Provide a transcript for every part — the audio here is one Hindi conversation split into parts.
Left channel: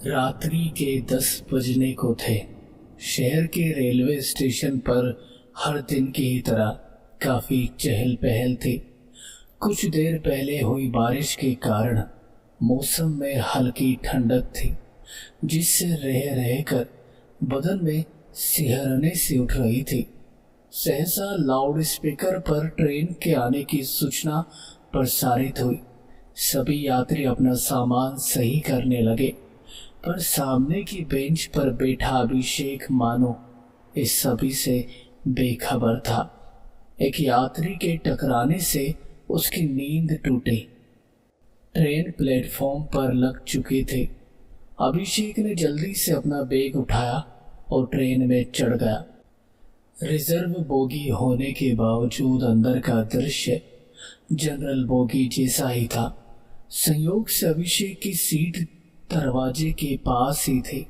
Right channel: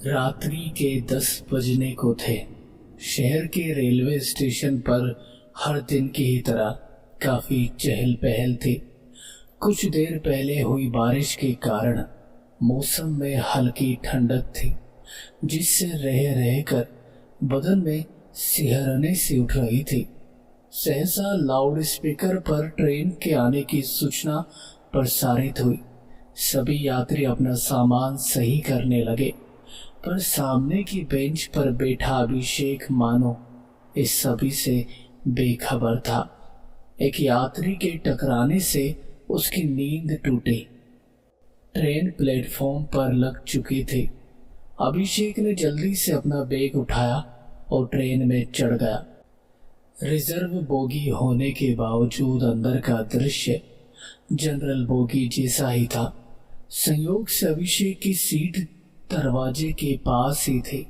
रात्रि के 10 बजने को थे। शहर के रेलवे स्टेशन पर हर दिन की ही तरह काफी चहल पहल थी। कुछ देर पहले हुई बारिश के कारण मौसम में हल्की ठंडक थी, जिससे रह रह कर बदन में सिहरने सी उठ रही थी। सहसा लाउड स्पीकर पर ट्रेन के आने की सूचना प्रसारित हुई। सभी यात्री अपना सामान सही करने लगे, पर सामने की बेंच पर बैठा अभिषेक मानो इस सभी से बेखबर था। एक यात्री के टकराने से उसकी नींद टूटी। ट्रेन प्लेटफॉर्म पर लग चुकी थी। अभिषेक ने जल्दी से अपना बैग उठाया और ट्रेन में चढ़ गया। रिजर्व बोगी होने के बावजूद अंदर का दृश्य जनरल बोगी जैसा ही था। संयोग से अभिषेक की सीट दरवाजे के पास ही थी,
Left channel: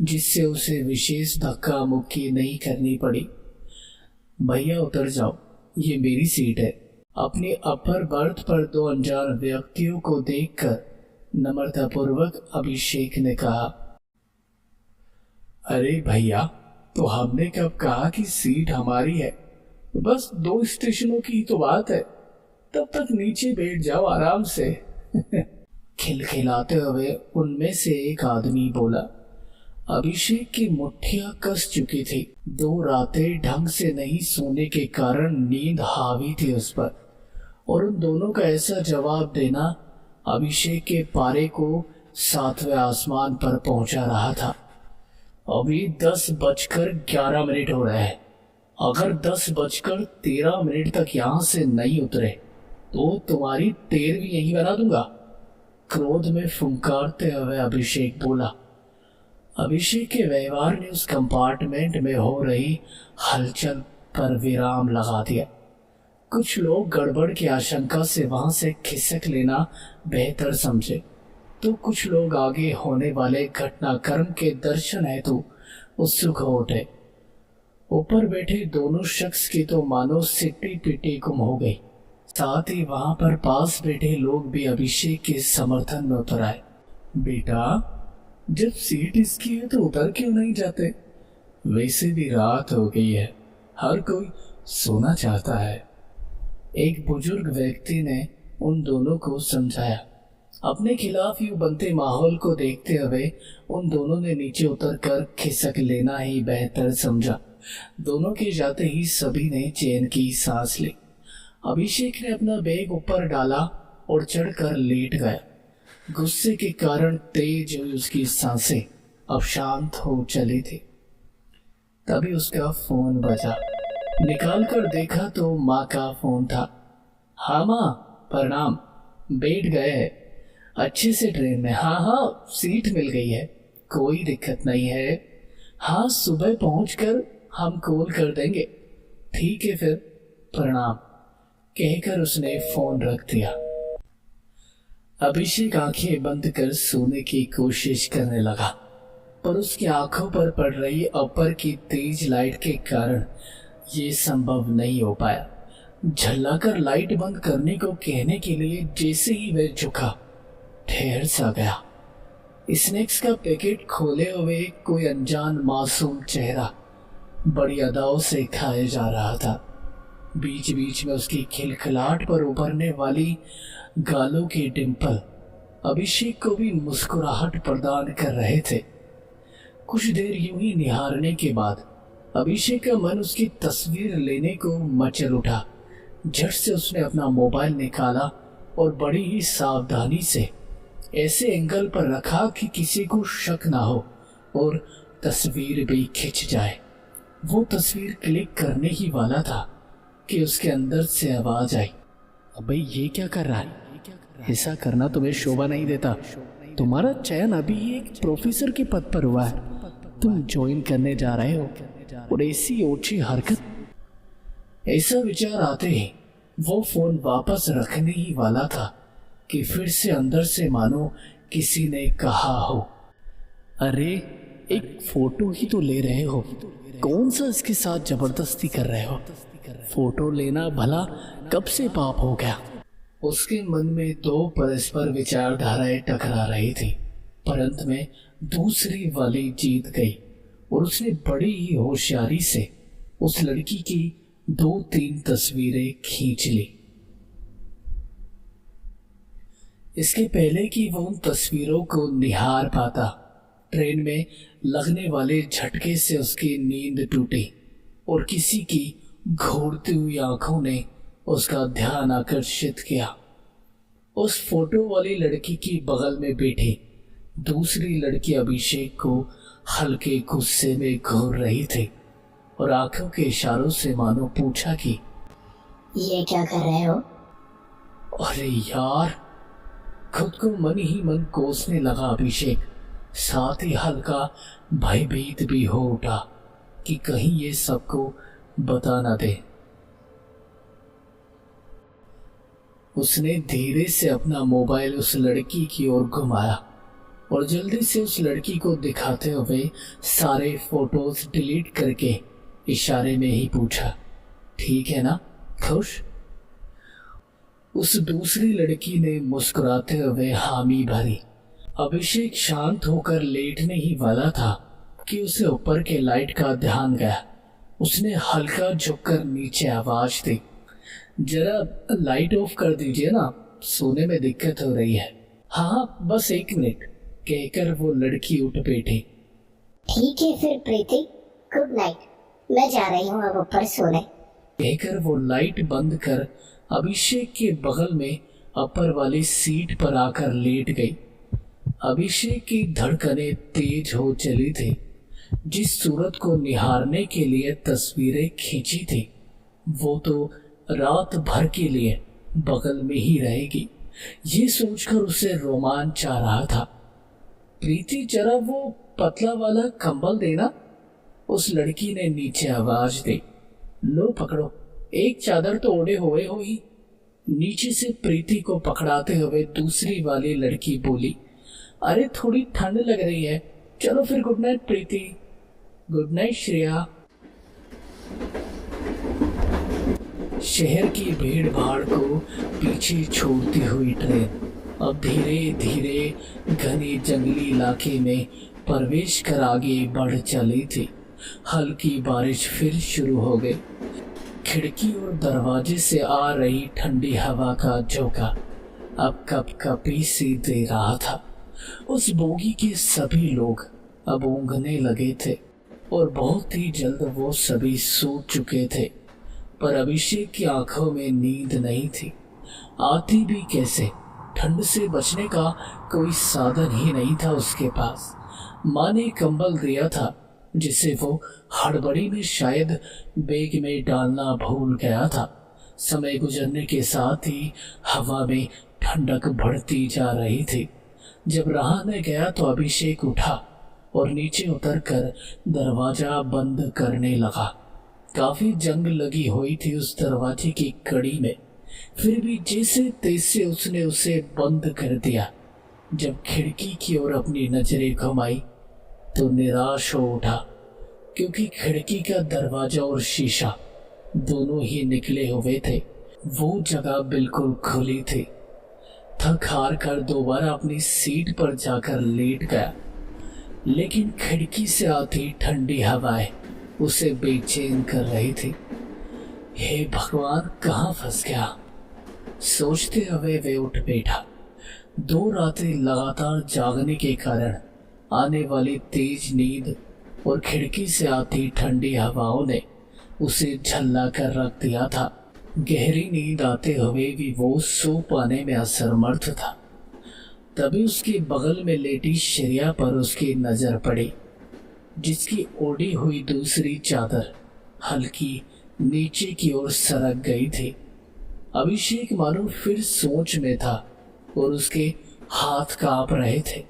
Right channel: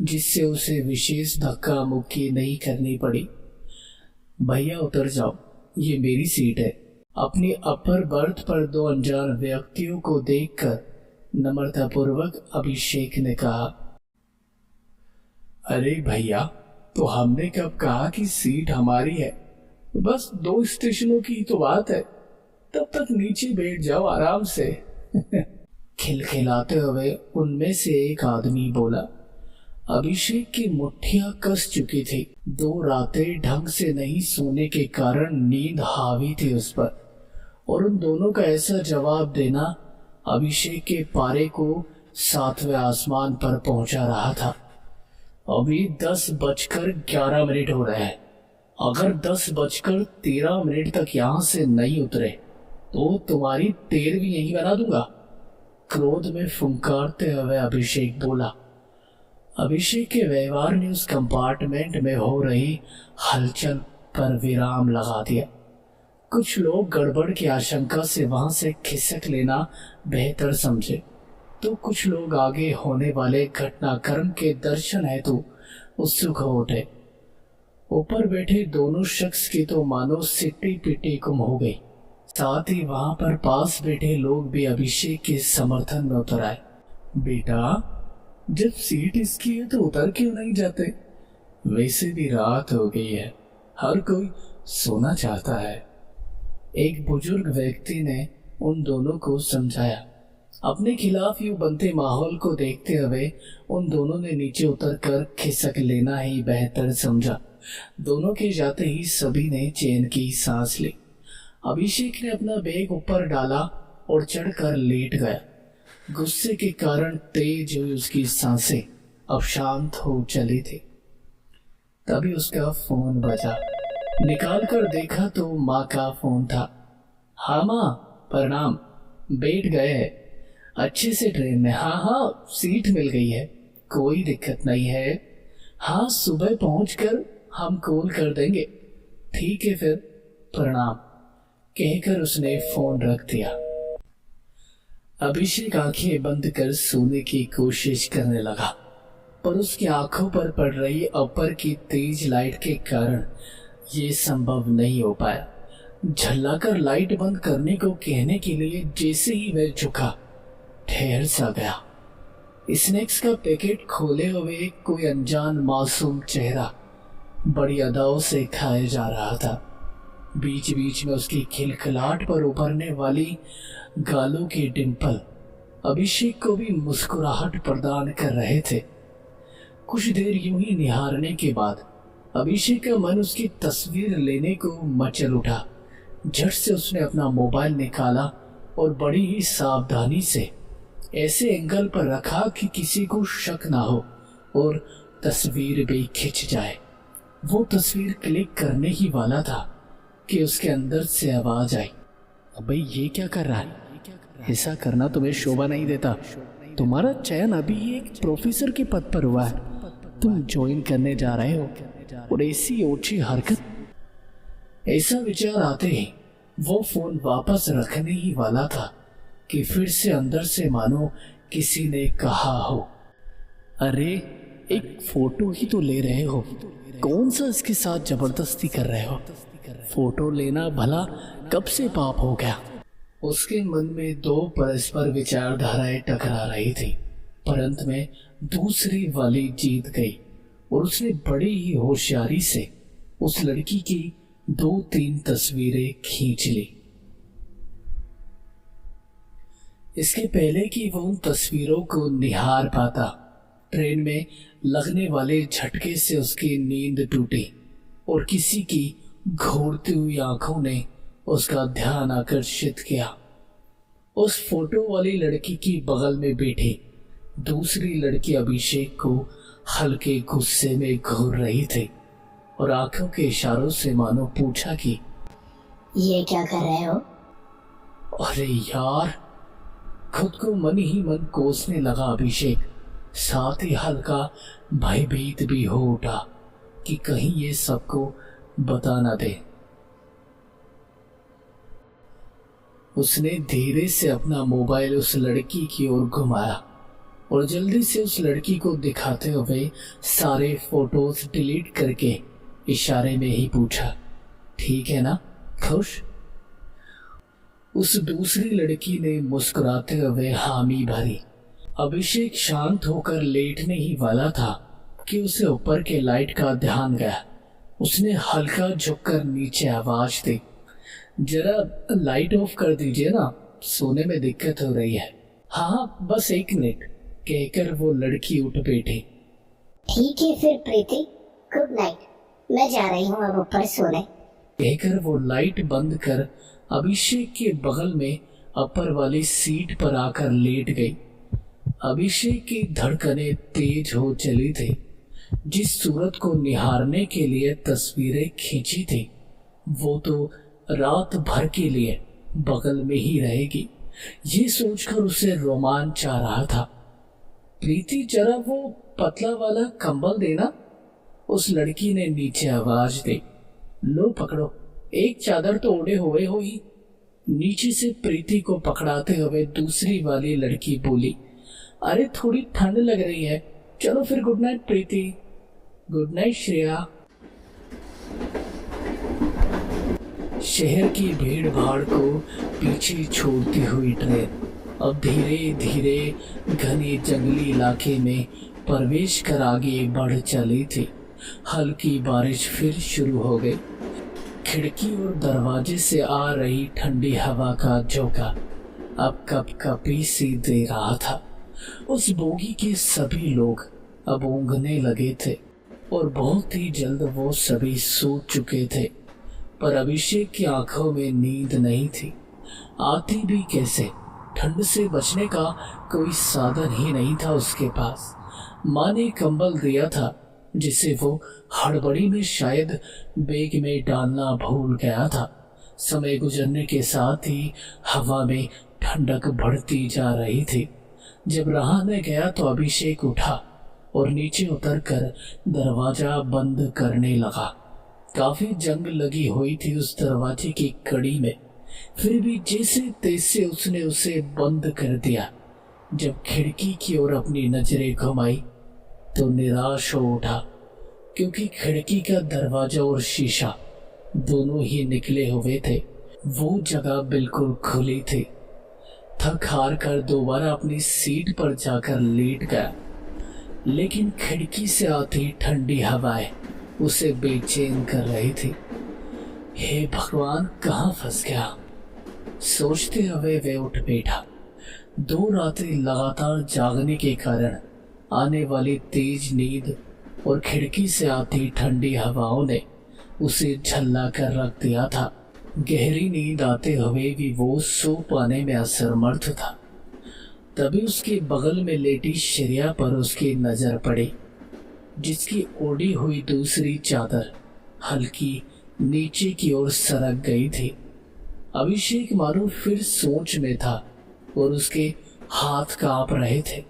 जिससे उसे विशेष धक्का मुक्की नहीं करनी पड़ी। भैया उतर जाओ, ये मेरी सीट है। अपनी अपर बर्थ पर दो अनजान व्यक्तियों को देखकर नम्रतापूर्वक अभिषेक ने कहा, अरे भैया, तो हमने कब कहा कि सीट हमारी है? बस 2 स्टेशनों की तो बात है, तब तक नीचे बैठ जाओ आराम से। खिलखिलाते हुए उनमें से एक आदमी बोला। अभिषेक की मुट्ठियां कस चुकी थी। 2 रातें ढंग से नहीं सोने के कारण नींद हावी थी उस पर, और उन दोनों का ऐसा जवाब देना अभिषेक के पारे को 7वें आसमान पर पहुंचा रहा था। अभी 10:11 हो रहे हैं। अगर 10:13 तक यहां से नहीं उतरे तो तुम्हारी 13वीं यहीं बना दूंगा। क्रोध में फुंकारते हुए अभिषेक बोला। अभिषेक के व्यवहार ने उस कंपार्टमेंट में हो रही हलचल पर विराम लगा दिया। कुछ लोग गड़बड़ की आशंका से वहां से खिसक लेना बेहतर समझे, तो कुछ लोग आगे होने वाले घटनाक्रम के दर्शन हेतु उत्सुक हो उठे। ऊपर बैठे दोनों शख्स की तो मानो सिट्टी पिट्टी गुम हो गई। साथ ही वहां पर पास बैठे लोग भी अभिषेक के समर्थन में उतर आए। बेटा, जब सीट इसकी है तो उतर क्यों नहीं जाते? वैसे भी रात हो गई है, हर कोई सोना चाहता है। एक बुजुर्ग व्यक्ति ने उन दोनों को समझाया। अपने खिलाफ यूं बनते माहौल को देखते हुए उन दोनों ने नीचे उतरकर खिसक लेना ही बेहतर समझा। दोनों के जाते ही सभी ने चैन की सांस ली। अभिषेक ने अपना बैग ऊपर डाला और चढ़कर लेट गया। गुस्से के कारण तेज हुई उसकी सांसें अब शांत हो चली थी। तभी उसका फोन बजा। निकाल कर देखा तो माँ का फोन था। हाँ माँ, प्रणाम। बैठ गए हैं अच्छे से ट्रेन में? हाँ, सीट मिल गई है, कोई दिक्कत नहीं है। हाँ, सुबह पहुंचकर हम कॉल कर देंगे। ठीक है फिर, प्रणाम, कहकर उसने फोन रख दिया। अभिषेक आंखें बंद कर सोने की कोशिश करने लगा, पर उसकी आंखों पर पड़ रही अपर की तेज लाइट के कारण ये संभव नहीं हो पाया। झल्लाकर लाइट बंद करने को कहने के लिए जैसे ही वह झुका, ठहर सा गया। स्नैक्स का पैकेट खोले हुए कोई अनजान मासूम चेहरा बड़ी अदाओं से खाया जा रहा था। बीच बीच में उसकी खिलखिलाहट पर उभरने वाली गालों के डिंपल अभिषेक को भी मुस्कुराहट प्रदान कर रहे थे। कुछ देर यूं ही निहारने के बाद अभिषेक का मन उसकी तस्वीर लेने को मचल उठा। झट से उसने अपना मोबाइल निकाला और बड़ी ही सावधानी से ऐसे एंगल पर रखा कि किसी को शक ना हो और तस्वीर भी खिंच जाए। वो तस्वीर क्लिक करने ही वाला था कि उसके अंदर से आवाज आई, अबे ये क्या कर रहा है? ऐसा करना तुम्हें शोभा नहीं देता। तुम्हारा चयन अभी एक प्रोफेसर के पद पर हुआ है, तुम ज्वाइन करने जा रहे हो और ऐसी ओछी हरकत। ऐसा विचार आते ही वो फोन वापस रखने ही वाला था कि फिर से अंदर से मानो किसी ने कहा हो, अरे एक फोटो ही तो ले रहे हो, कौन सा इसके साथ जबरदस्ती कर रहे हो? फोटो लेना भला कब से पाप हो गया? उसके मन में 2 परस्पर विचारधाराएं टकरा रही थी, पर अंत में दूसरी वाली जीत गई और उसने बड़ी ही होशियारी से उस लड़की की 2-3 तस्वीरें खींच ली। इसके पहले कि वो उन तस्वीरों को निहार पाता, ट्रेन में लगने वाले झटके से उसकी नींद टूटी और किसी की घूरती हुई आंखों ने उसका ध्यान आकर्षित किया। उस फोटो वाली लड़की की बगल में बैठी दूसरी लड़की अभिषेक को हल्के गुस्से में घूर रही थी और आंखों के इशारों से मानो पूछा कि ये क्या कर रहे हो? अरे यार, खुद को मन ही मन कोसने लगा अभिषेक। साथ ही हल्का भयभीत भी हो उठा कि कहीं ये सबको बता ना दे। उसने धीरे से अपना मोबाइल उस लड़की की ओर घुमाया और जल्दी से उस लड़की को दिखाते हुए सारे फोटोज डिलीट करके इशारे में ही पूछा, ठीक है ना, खुश? उस दूसरी लड़की ने मुस्कुराते हुए हामी भरी। अभिषेक शांत होकर लेटने ही वाला था कि उसे ऊपर के लाइट का ध्यान गया। उसने हल्का झुककर नीचे आवाज दी, जरा लाइट ऑफ कर दीजिए ना, सोने में दिक्कत हो रही है। हाँ बस 1 मिनट, कहकर वो लड़की उठ बैठी। ठीक है फिर प्रीति, गुड नाइट, मैं जा रही हूँ अब ऊपर सोने, कहकर वो लाइट बंद कर अभिषेक के बगल में अपर वाली सीट पर आकर लेट गई। अभिषेक की धड़कनें तेज हो चली थी। जिस सूरत को निहारने के लिए तस्वीरें खींची थी वो तो रात भर के लिए बगल में ही रहेगी, ये सोचकर उसे रोमांच आ रहा था। प्रीति जरा वो पतला वाला कंबल देना, उस लड़की ने नीचे आवाज दी। लो पकड़ो, एक चादर तो ओढ़े हुए हो ही। नीचे से प्रीति को पकड़ाते हुए दूसरी वाली लड़की बोली, अरे थोड़ी ठंड लग रही है, चलो फिर good night Preeti. Good night Shreya. शहर की भीड़ भाड़ को पीछे छोड़ती हुई ट्रेन अब धीरे धीरे घने जंगली इलाके में प्रवेश कर आगे बढ़ चली थी। हल्की बारिश फिर शुरू हो गई। खिड़की और दरवाजे से आ रही ठंडी हवा का झोंका अब कपकपी सी दे रहा था। उस बोगी के सभी लोग अब ऊँघने लगे थे और बहुत ही जल्द वो सभी सो चुके थे, पर अभिषेक की आंखों में नींद नहीं थी। आती भी कैसे? ठंड से बचने का कोई साधन ही नहीं था उसके पास। माँ ने कंबल दिया था जिसे वो हड़बड़ी में शायद बैग में डालना भूल गया था। समय गुजरने के साथ ही हवा में ठंडक बढ़ती जा रही थी। जब रहाने गया तो अभिषेक उठा और नीचे उतरकर दरवाजा बंद करने लगा। काफी जंग लगी हुई थी उस दरवाजे की कड़ी में, फिर भी जैसे तैसे उसने उसे बंद कर दिया। जब खिड़की की ओर अपनी नजरें घुमाई तो निराश हो उठा, क्योंकि खिड़की का दरवाजा और शीशा दोनों ही निकले हुए थे। वो जगह बिल्कुल खुली थी। थक हार कर दोबारा अपनी सीट पर जाकर लेट गया, लेकिन खिड़की से आती ठंडी हवाएं उसे बेचैन कर रही थी। हे भगवान, कहाँ फंस गया, सोचते हुए वे उठ बैठा। 2 रातें लगातार जागने के कारण आने वाली तेज नींद और खिड़की से आती ठंडी हवाओं ने उसे झल्ला कर रख दिया था। गहरी नींद आते हुए भी वो सो पाने में असमर्थ था। तभी उसके बगल में लेटी श्रेया पर उसकी नजर पड़ी, जिसकी ओढ़ी हुई दूसरी चादर हल्की नीचे की ओर सरक गई थी। अभिषेक मानो फिर सोच में था और उसके हाथ कांप रहे थे।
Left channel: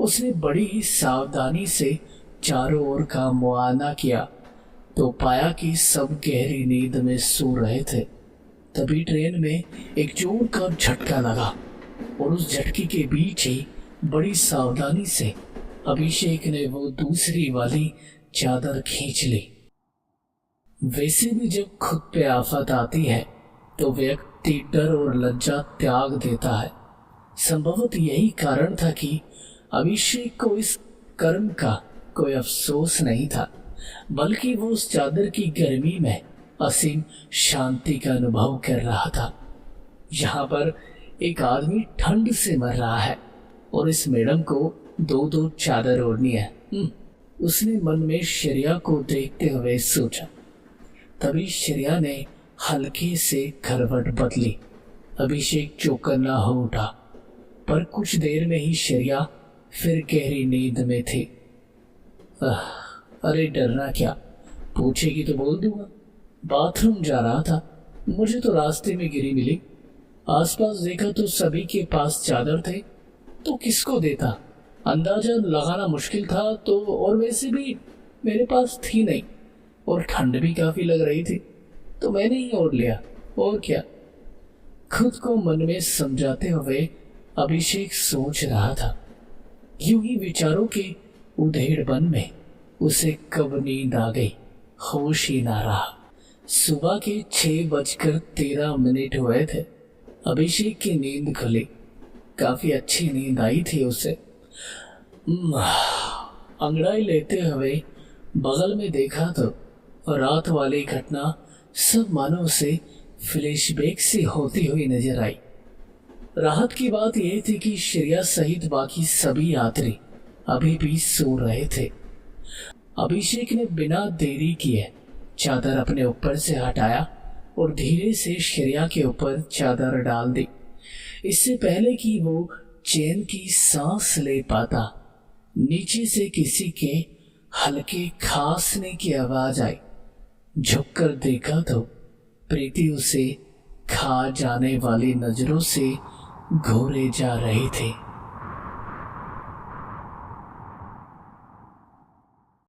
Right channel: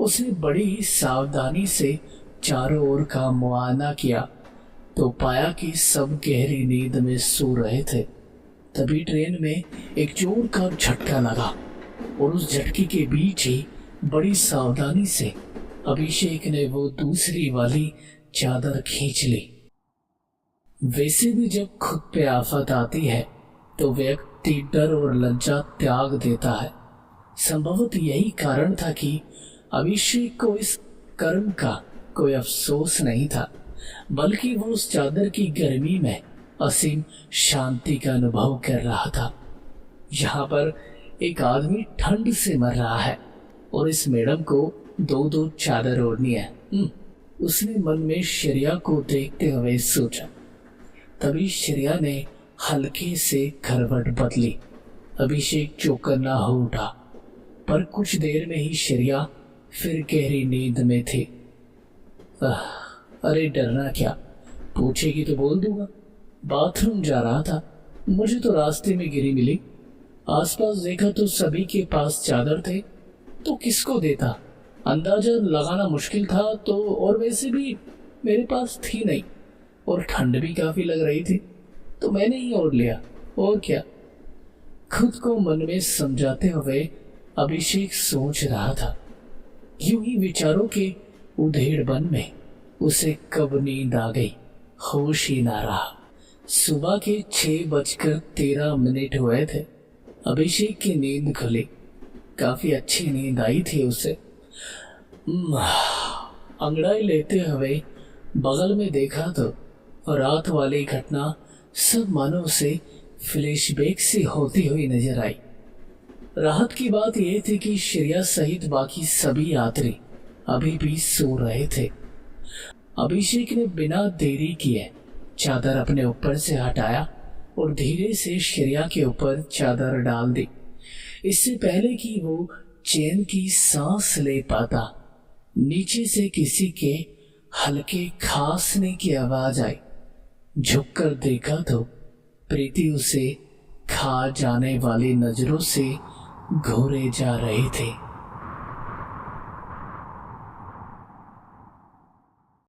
उसने बड़ी ही सावधानी से चारों ओर का मुआयना किया तो पाया कि सब गहरी नींद में सो रहे थे। तभी ट्रेन में एक जोर का झटका लगा और उस झटके के बीच ही बड़ी सावधानी से अभिषेक ने वो दूसरी वाली चादर खींच ली। वैसे भी जब खुद पे आफत आती है तो व्यक्ति डर और लज्जा त्याग देता है। संभवतः यही कारण था कि अभिषेक को इस कर्म का कोई अफसोस नहीं था, बल्कि वो उस चादर की गर्मी में असीम शांति का अनुभव कर रहा था। यहाँ पर एक आदमी ठंड से मर रहा है और इस मैडम को 2-2 चादर ओढ़नी है। उसने मन में श्रेया को देखते हुए सोचा। तभी श्रेया ने हल्के से करवट बदली। अभिषेक चौकन्ना हो उठा, पर कुछ देर में ही श्रेया फिर गहरी नींद में थी। अरे डरना क्या, पूछेगी तो बोल दूंगा। बाथरूम जा रहा था, मुझे तो रास्ते में गिरी मिली। आसपास देखा तो सभी के पास चादर थे, तो किसको देता अंदाजा लगाना मुश्किल था। तो और वैसे भी मेरे पास थी नहीं और ठंड भी काफी लग रही थी, तो मैंने ही ओढ़ लिया। और क्या, खुद को मन में समझाते हुए अभिषेक सोच रहा था। यूं ही विचारों के उधेड़बन में उसे कब नींद आ गई, होश ही ना रहा। सुबह के 6:13 हुए थे। अभिषेक की नींद खुली। काफी अच्छी नींद आई थी उसे। अंगड़ाई लेते हुए बगल में देखा तो रात वाली घटना सब मानो उसे फ्लैशबैक से होती हुई नजर आई। राहत की बात यह थी कि श्रेया सहित बाकी सभी यात्री अभी भी सो रहे थे। अभिषेक ने बिना देरी किए चादर अपने ऊपर से हटाया और धीरे से श्रेया के ऊपर चादर डाल दी। इससे पहले कि वो चैन की सांस ले पाता, नीचे से किसी के हल्के खांसने की आवाज आई। झुककर देखा तो प्रीति उसे खा जाने वाली नजरों से घूरे जा रहे थे।